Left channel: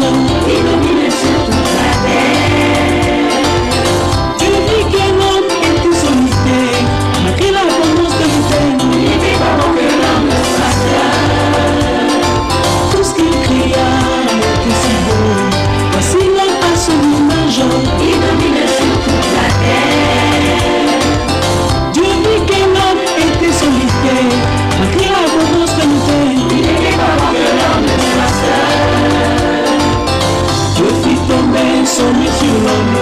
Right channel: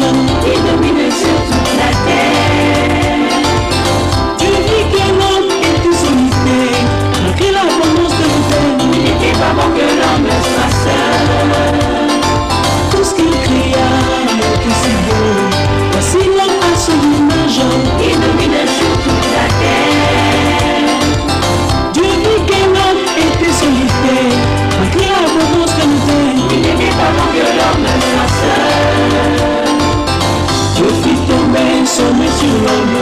image qui domine sur toute la terre. Tu dis que l'homme est solitaire, malgré l'abondance de l'autel. Il n'était pas bon que l'homme soit seul. Tout ce qu'il cria, que c'est beau. Voici l'homme à son image qui domine sur toute la terre. Dieu dit que l'homme était solitaire, malgré l'abondance de l'autel. Il n'était pas bon que l'homme soit seul. Dieu fit tomber son nez sur l'homme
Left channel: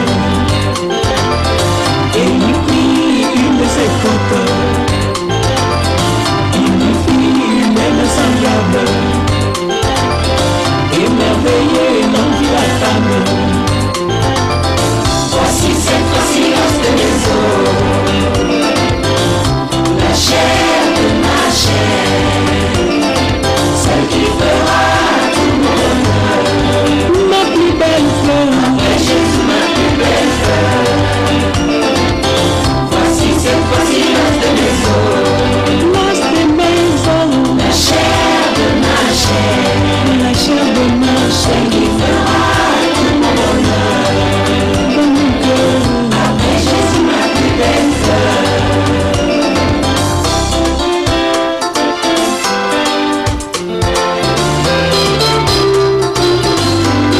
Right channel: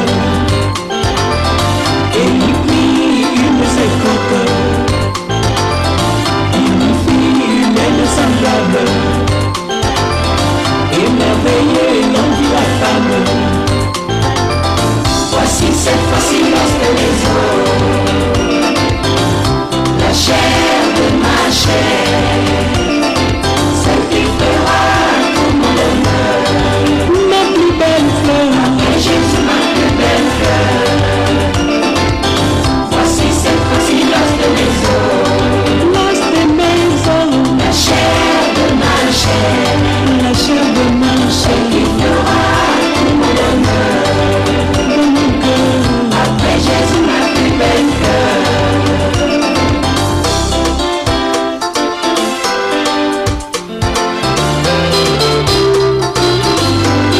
et lui prit une de ses côtes. Il lui fit une aile semblable et merveilleux l'homme dit la femme. Voici cette fois-ci lorsque les eaux, la chair de ma chair, celle qui fera tout mon honneur, ma plus belle fleur, après Jésus ma plus belle fleur. Voici cette fois-ci lorsque les eaux, la chair de ma chair, la chair de ma chair, celle qui fera tout mon honneur, de mon cœur, après Jésus ma plus belle fleur.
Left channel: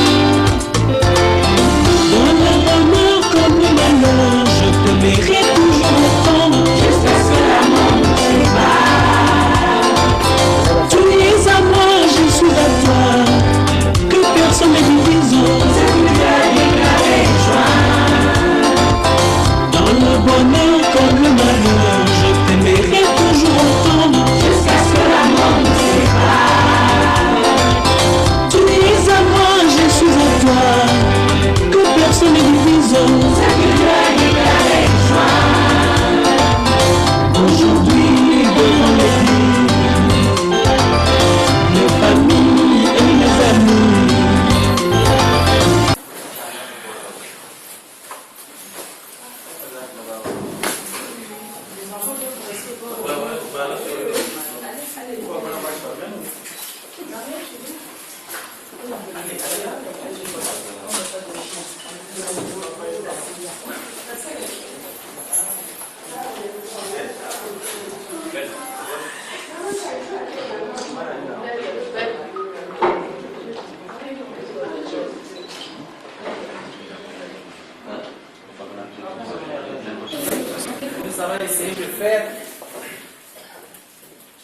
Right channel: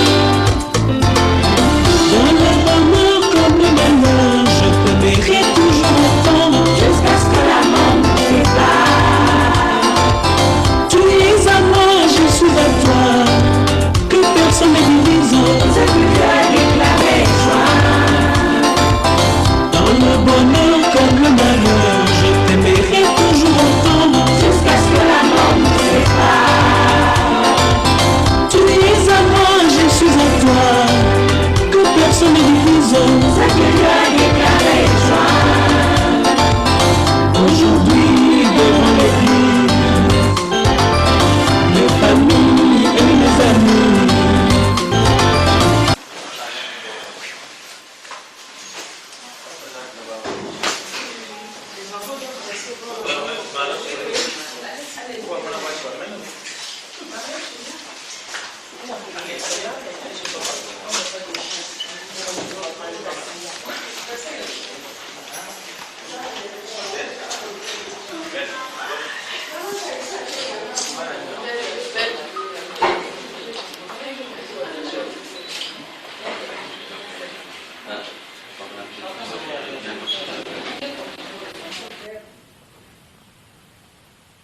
Dans le bonheur comme le malheur, je t'aimerai toujours autant, jusqu'à ce que la mort nous sépare. Tu es à moi, je suis à toi, que personne ne divise. C'est lui à déclarer joie. Dans le bonheur comme le malheur, je t'aimerai toujours autant, jusqu'à ce que la mort nous sépare. Tu es à moi, je suis à toi, que personne ne divise. C'est lui à déclarer joie. Aujourd'hui, devant l'église, mes familles et mes amis. Nous allons essayer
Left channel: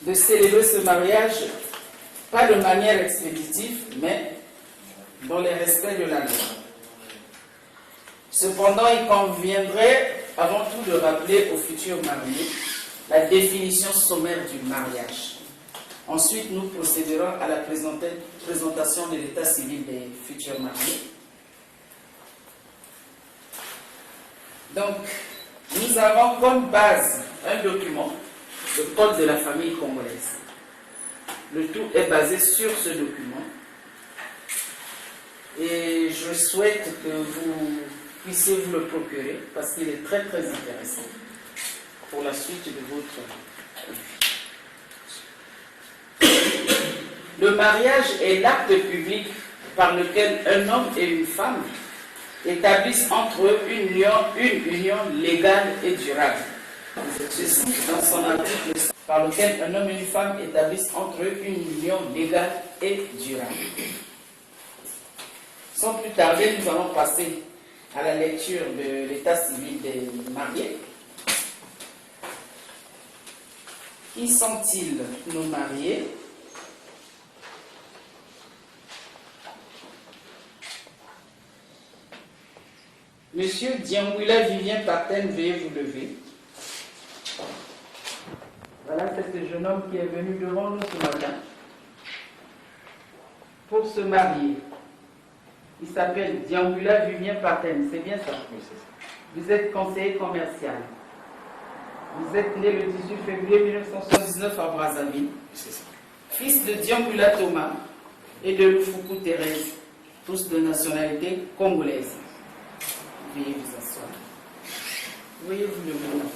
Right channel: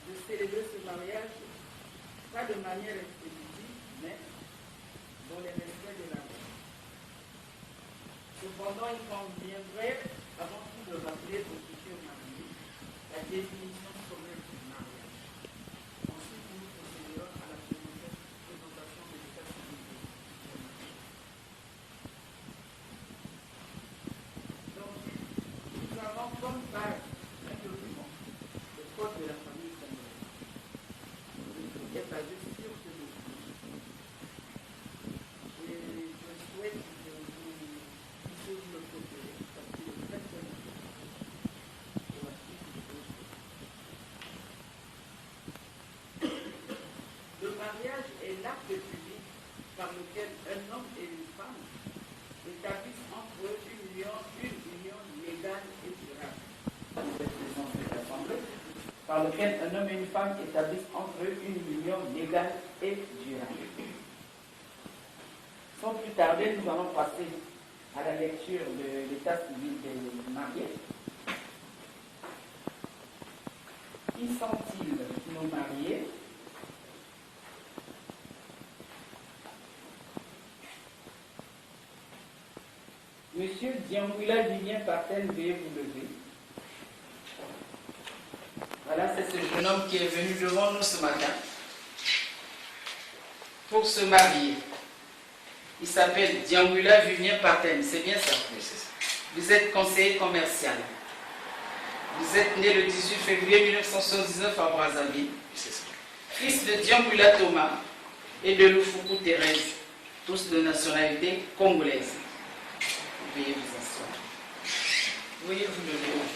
de célébrer ce mariage, pas de manière expéditive, mais dans le respect de la loi. Cependant, il conviendrait avant tout de rappeler aux futurs mariés la définition sommaire du mariage. Ensuite, nous procéderons à la présentation de l'état civil des futurs mariés. Donc, nous avons comme base un document, le Code de la famille congolaise. Le tout est basé sur ce document. Et je souhaite que vous puissiez vous le procurer parce qu'il est très très intéressant pour la suite de votre vie. Le mariage est l'acte public par lequel un homme et une femme établissent entre eux une union légale et durable. Ceci dans son article 5, par lequel un homme et une femme établissent entre eux une union légale et durable. Sans plus tarder, nous allons passer à la lecture de l'état civil des mariés. Qui sont-ils, nos mariés? Monsieur Dianguila Vivien Paten, veuillez vous lever. Voilà, c'est ce jeune homme qui est venu devant nous ce matin pour se marier. Il s'appelle Dianguila Vivien Paten, c'est bien ça? Oui, c'est ça. Vous êtes conseiller commercial. Vous êtes né le 18 février 1979 à Brazzaville. C'est ça. Fils de Dianguila Thomas et de Lufuku Thérèse, tous de nationalité congolaise. Veuillez vous asseoir. Veuillez vous lever.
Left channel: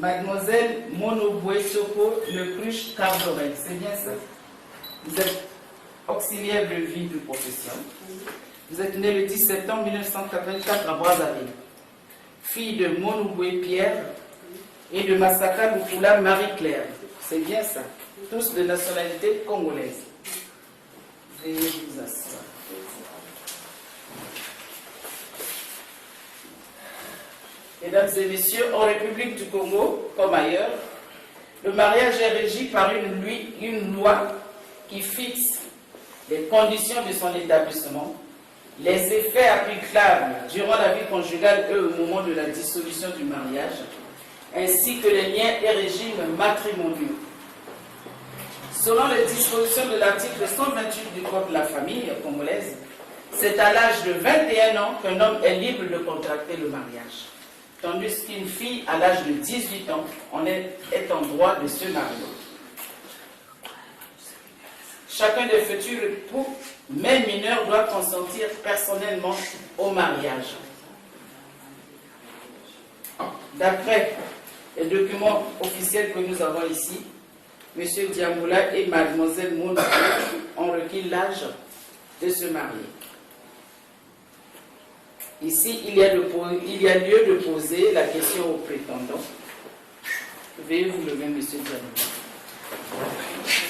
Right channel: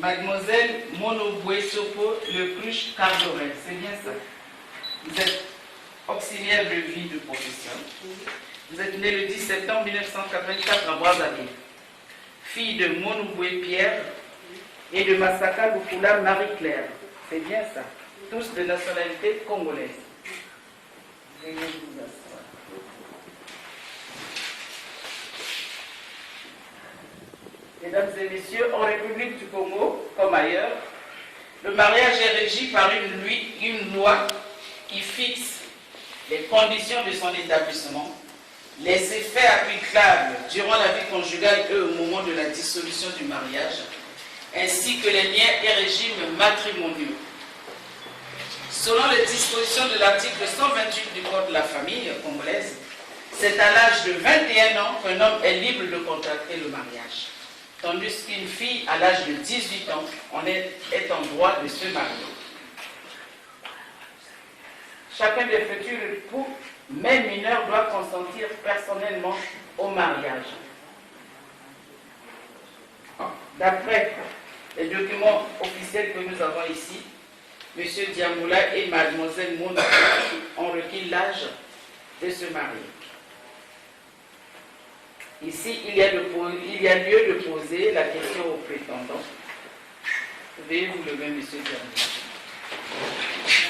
Mademoiselle Monoboué Soko, le cruche Cardorel, c'est bien ça? Vous êtes auxiliaire de vie de profession. Vous êtes né le 10 septembre 1984 à Brazzaville. Fille de Monouboué Pierre et de Massaka Lukula Marie-Claire. C'est bien ça. Tous de nationalité congolaise. Veuillez vous asseoir. Mesdames et messieurs, en République du Congo, comme ailleurs, le mariage est régi par une loi qui fixe les conditions de son établissement, les effets applicables durant la vie conjugale et au moment de la dissolution du mariage, ainsi que les liens et régimes matrimoniaux. Selon les dispositions de l'article 128 du Code de la famille congolaise, c'est à l'âge de 21 ans qu'un homme est libre de contracter le mariage, tandis qu'une fille à l'âge de 18 ans est en droit de se marier. Chacun des futurs époux, même mineurs, doit consentir personnellement au mariage. D'après les documents officiels que nous avons ici, M. Diamboula et Mlle Mouna ont requis l'âge de se marier. Ici, il y a lieu de poser la question au prétendant. Veuillez vous lever, M. Diamboula.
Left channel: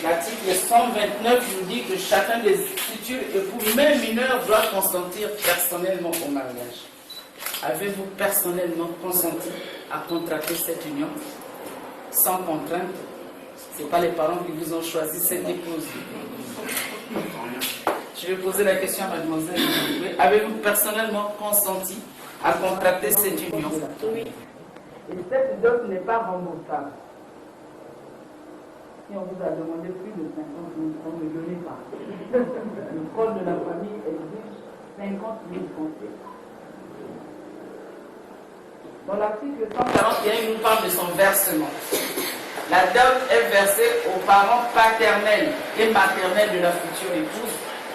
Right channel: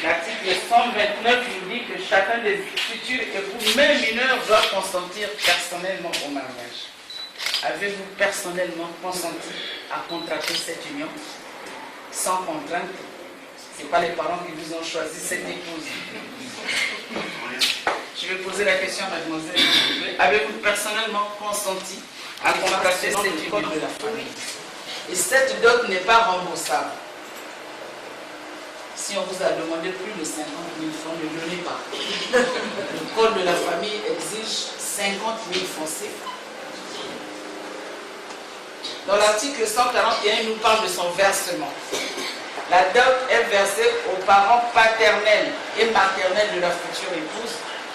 L'article 129 nous dit que chacun des futurs époux, même mineurs, doit consentir personnellement au mariage. Avez-vous personnellement consenti à contracter cette union sans contrainte? Ce n'est pas les parents qui vous ont choisi cette épouse. Je vais poser la question à mademoiselle. Avez-vous personnellement consenti à contracter cette union de la famille? Et cette dot n'est pas remboursable. Si on vous a demandé plus de 50 000 francs, ne donnez pas. Le code de la famille exige 50 000 francs CFA. Dans l'article 141, il nous parle de son versement. La dot est versée aux parents paternels et maternels de la future épouse,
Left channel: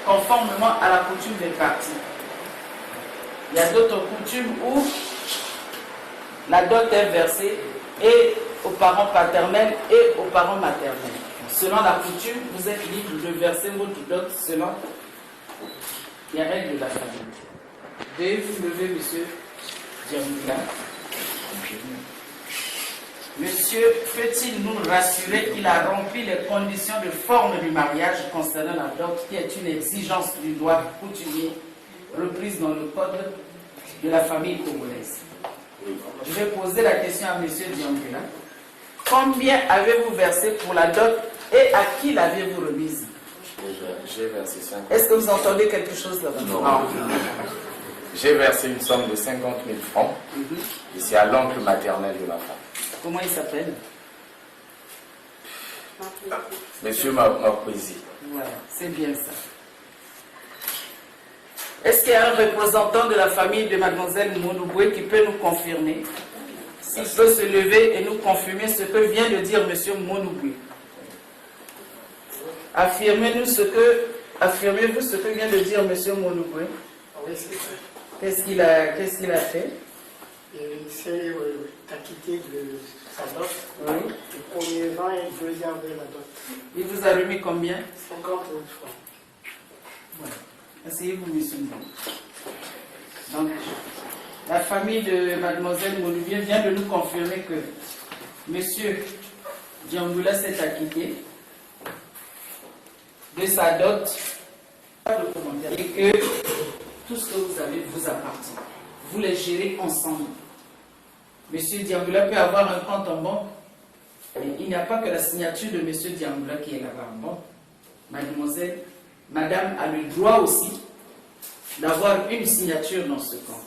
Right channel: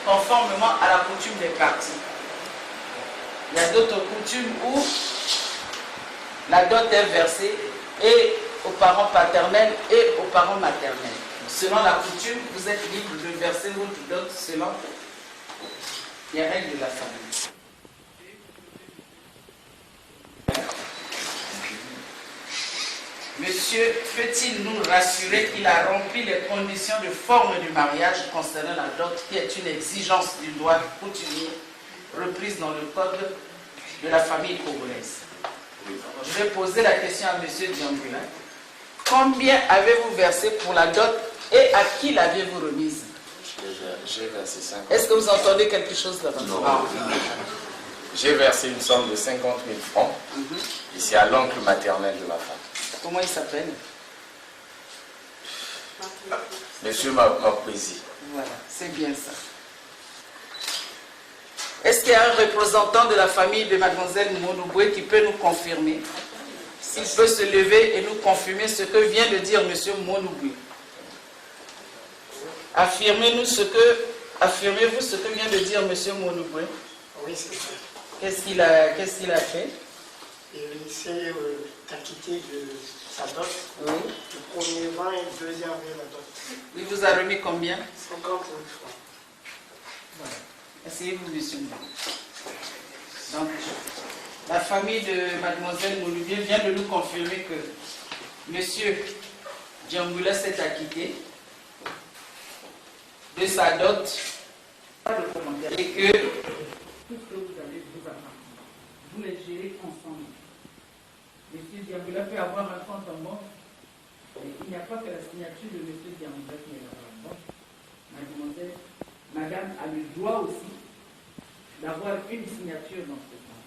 conformément à la coutume des parties. Il y a d'autres coutumes où la dot est versée et aux parents paternels et aux parents maternels. Selon la coutume, vous êtes libre de verser votre dot selon les règles de la famille. Veuillez vous lever, monsieur Diamboula. Monsieur peut-il nous rassurer qu'il a rempli les conditions de forme du mariage concernant la dot, qui est une exigence du droit coutumier reprise dans le code de la famille congolaise? Je vais poser la question à monsieur Diamboula. Combien avez-vous versé pour la dot et à qui l'aviez-vous remise? J'ai versé 50 000. Est-ce que vous entendez quelque chose là-bas? Non. J'ai versé une somme de 50 000 francs. Et c'est à l'oncle maternel de ma femme. Comment il s'appelle? Monsieur Mapouzi. Voilà, c'est bien ça. Est-ce qu'il y a un représentant de la famille de mademoiselle Monouboué qui peut nous confirmer? S'il peut se lever et nous confirmer ce que vient de dire monsieur Monouboué. Affirmez-vous ce que vient de dire monsieur Monouboué? Oui, c'est ça. Qu'est-ce qu'il a fait? Il s'est acquitté de sa dot. Oui. Le premier 20 et le deuxième avec la dot. Il vous a remis combien? 50 000 francs. Voilà. Asseyez-vous, monsieur. Donc, la famille de mademoiselle Monouboué vient de nous confirmer que monsieur Diamboula s'est acquitté de sa dot et que tout ce que vous avez vous appartient. Vous les gérez ensemble. Monsieur Diamboula peut avoir un compte en banque. Il n'y a pas que la signature de monsieur Diamboula qui est là-bas en banque. Mademoiselle, madame a le droit aussi d'avoir une signature dans ce compte.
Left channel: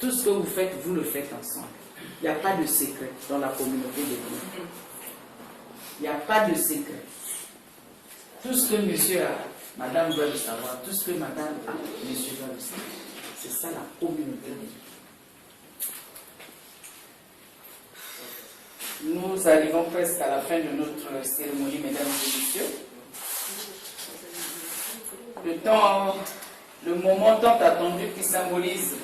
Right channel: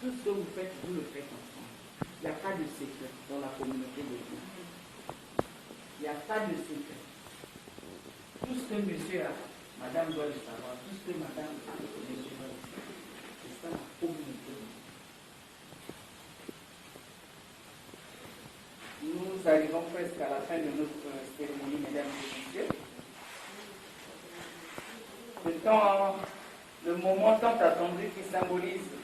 Tout ce que vous faites, vous le faites ensemble. Il n'y a pas de secret dans la communauté de Dieu. Il n'y a pas de secret. Tout ce que monsieur a, madame doit le savoir. Tout ce que madame a, monsieur doit le savoir. C'est ça la communauté de Dieu. Nous arrivons presque à la fin de notre cérémonie, mesdames et messieurs. Le moment tant attendu qui symbolise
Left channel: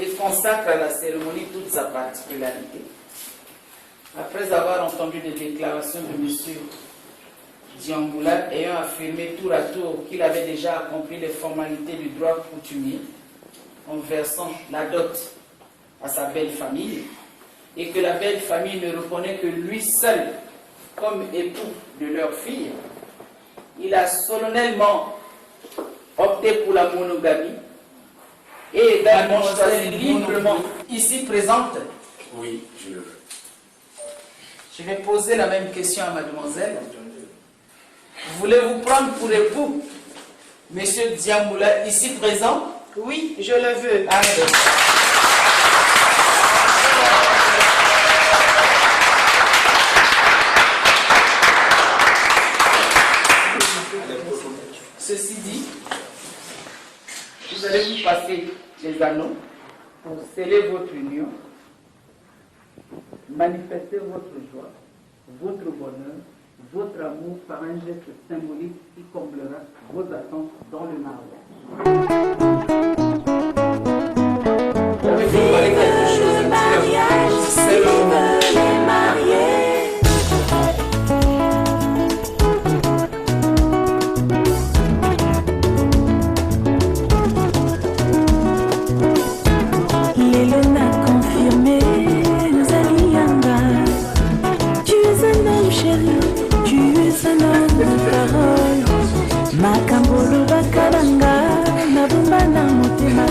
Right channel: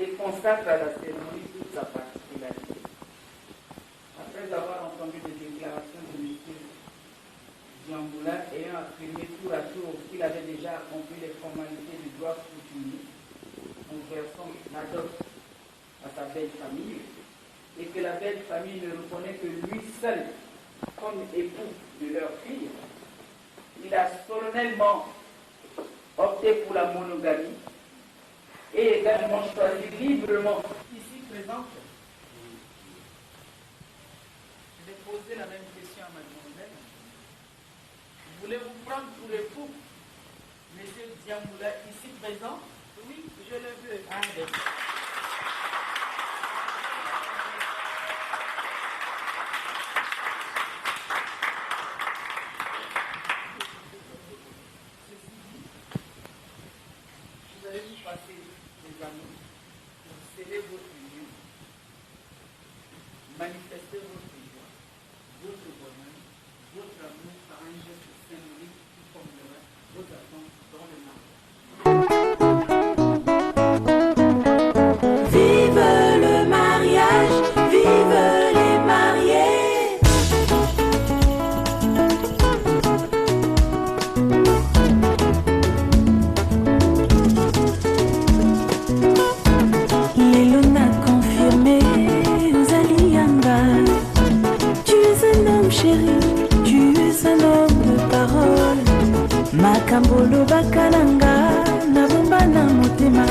et consacre à la cérémonie toute sa particularité. Après avoir entendu les déclarations de M. Diangoula, ayant affirmé tour à tour qu'il avait déjà accompli les formalités du droit coutumier en versant la dot à sa belle famille, et que la belle famille ne reconnaît que lui seul comme époux de leur fille, il a solennellement opté pour la monogamie et également choisi librement ici présente. Oui, je le veux. Je vais poser la même question à mademoiselle. Voulez-vous prendre pour époux monsieur Diamboula ici présent? Oui, je le veux. Allez. Ceci dit, vous allez vous passer les anneaux pour sceller votre union, manifester votre joie, votre bonheur, votre amour par un geste symbolique qui comblera vos attentes dans le mariage. Vive le mariage, vive les mariés. Lelona confirmé, Zalianga. Tu es un homme chéri, tu es un homme de parole. Makambolo bakalanga, nabumba na motema.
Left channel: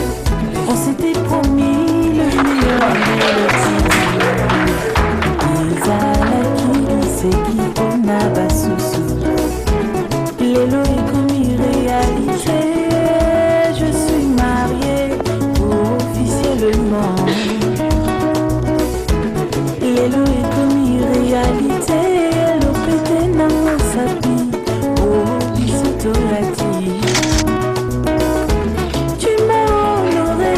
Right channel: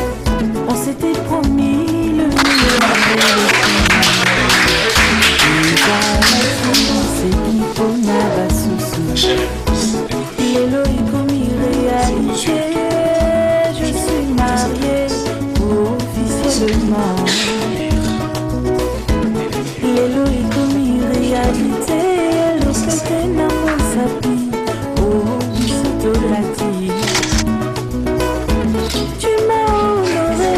On s'était promis le meilleur et le pire. C'est qui on a basusu. Lelo est commis réalité. Je suis mariée officiellement. Lelo est commis réalité. L'opété n'a pas sapi. Oh, bisotolati. Tu m'as honoré,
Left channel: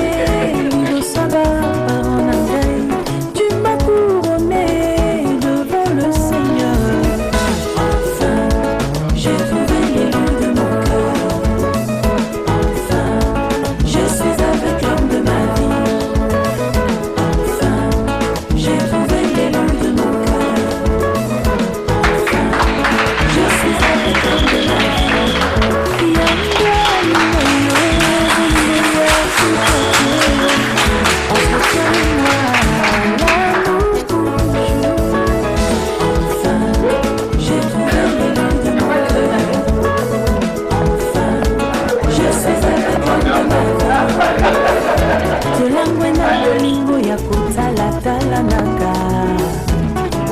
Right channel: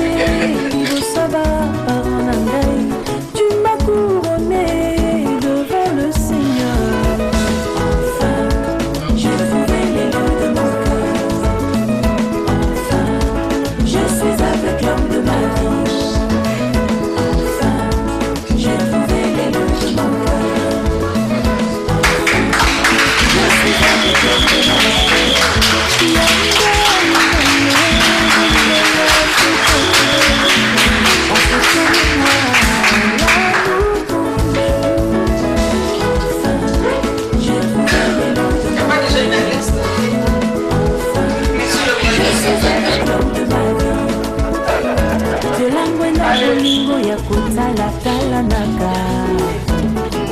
Libo Saba, parent Nangai. Tu m'as couronné devant le Seigneur. Enfin, j'ai trouvé les lots de mon cœur. Enfin, je suis avec l'homme de ma vie. Enfin, j'ai trouvé les lots de mon cœur. Enfin, je suis avec l'homme de ma vie. Ya kotala-talanaka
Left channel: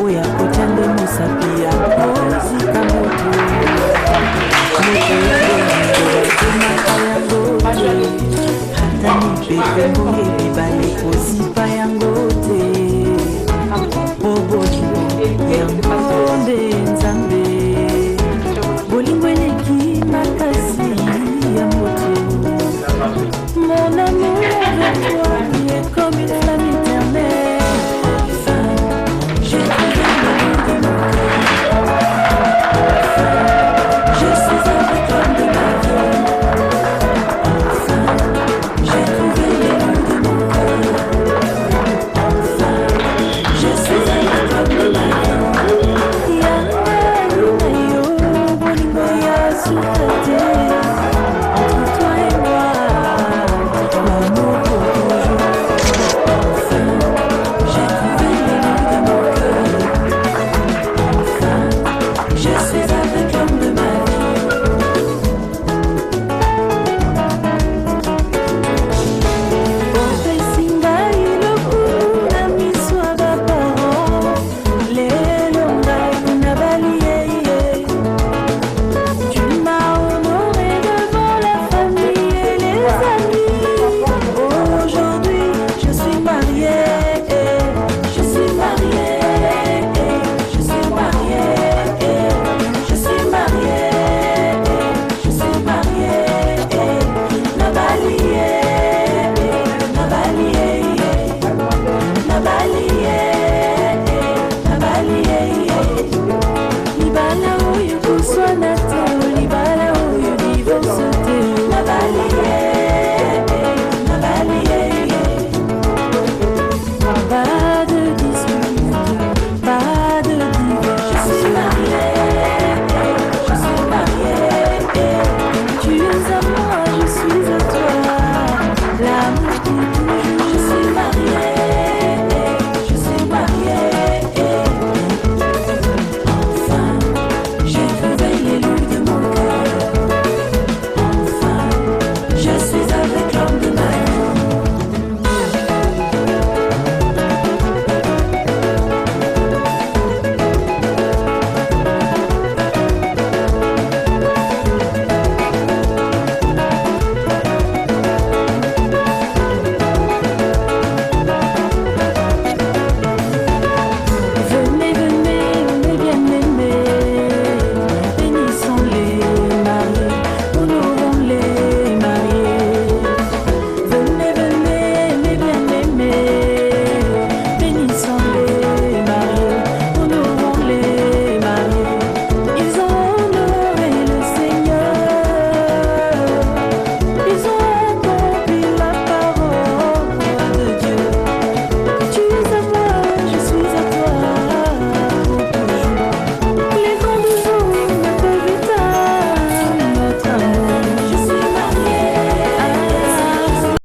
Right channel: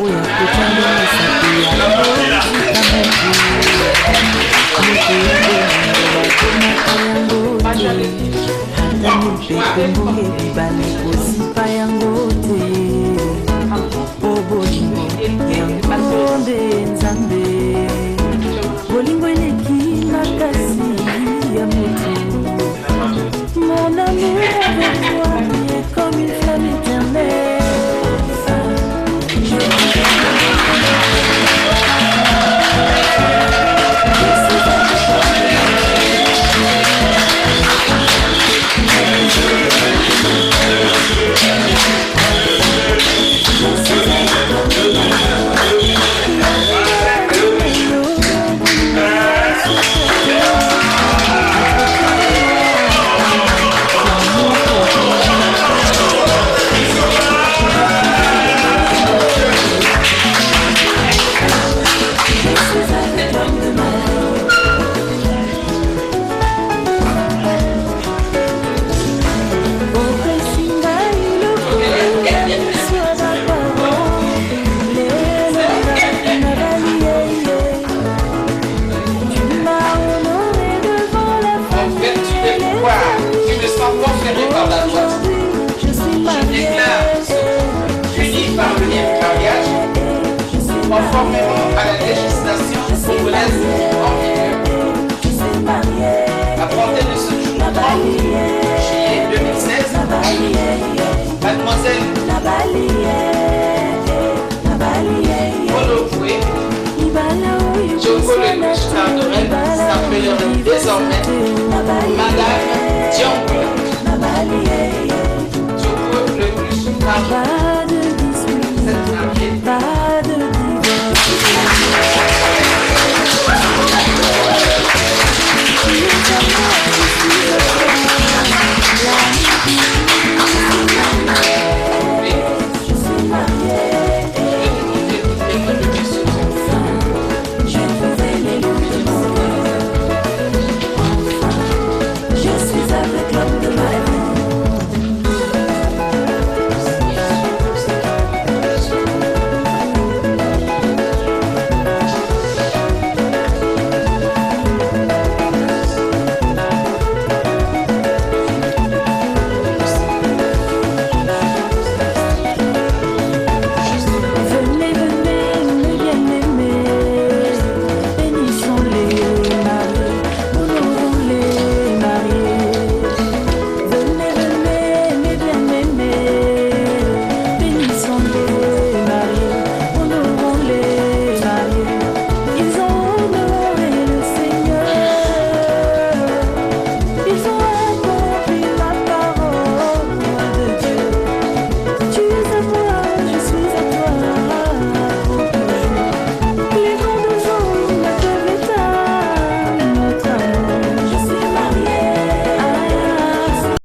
oya kotande mosapi ya kozika moto moto ya bolingo bakomaka yango te ata mipepe mbonge bibale kozipa yango te